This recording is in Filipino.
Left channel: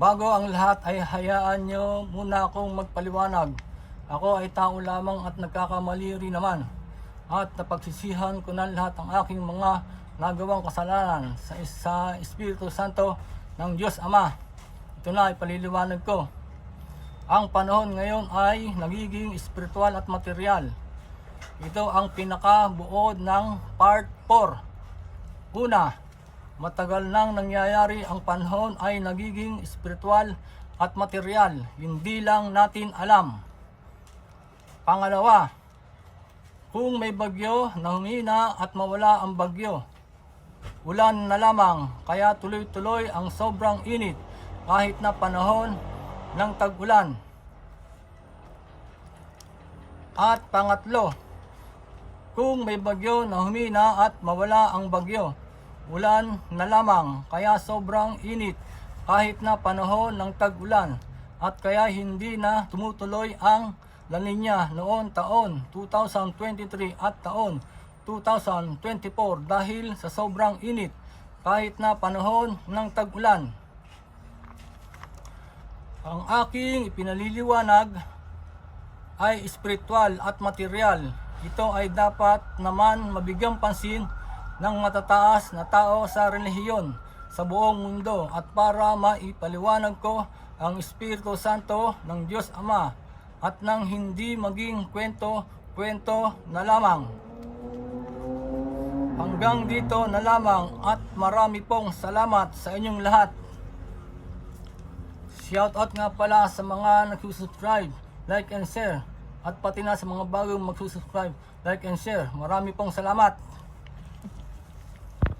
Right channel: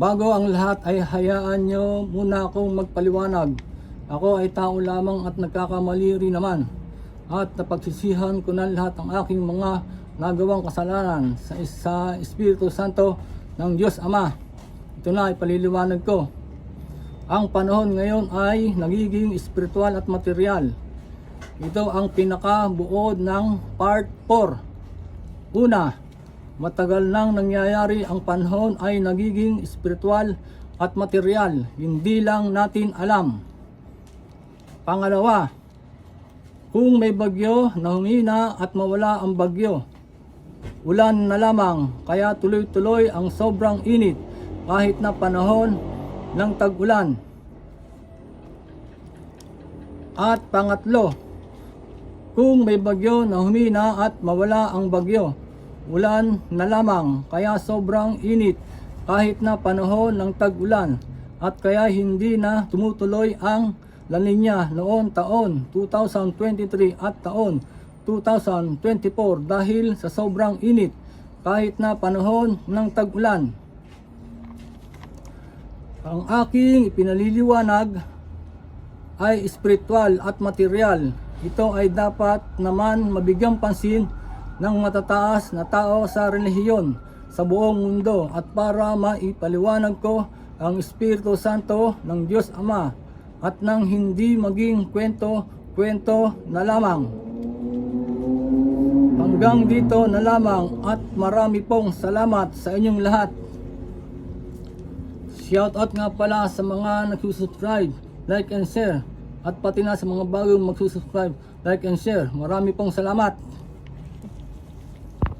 Bago ang lahat ay hayaan nyo muna akong magpaliwanag. Ako ay tao lamang at nagkakamali rin naman. At napagsisihan ko na lahat ang aking mga nagawang kasalanan sa Espiritu Santo ng Diyos Ama. Ito na ipaliliwanag ko. Ang panahon ngayon ay nagiging espiritual at material. Ito ang pinakabuod ng part 4. Una, matagal nang nangyayari ang panahon ay nagiging espiritual at material. Hindi lang natin alam. Pangalawa, kung may bagyo na humina at mawala ang bagyo, ulan na lamang, kaya tuloy-tuloy ang sobrang init kahit na panahon ng tag-ulan. At pangatlo, kung may bagyo na humina at mawala ang bagyo, ulan na lamang, kaya sobrang init kahit na panahon ng tag-ulan, at kaya hindi na tumutuloy ang La Nina noon taon 2023 at taon 2024 dahil sa sobrang init kahit na panahon ng tag-ulan. Ang aking ipinaliliwanag ay espiritual at material. Ito ay dapat naman mabigyang pansin ng matataas na tao sa relihiyon sa buong mundo, at para maipaliwanag ko ang Espiritu Santo ng Diyos Ama at nang hindi maging kwento na lamang. Hanggang dito na lamang at marami pong salamat sa inyong lahat. Shoutout nga pala sa mga nagsusubscribe, like and share, at pati na sa mga bagong magsusubscribe, like and share. Marami pong salamat.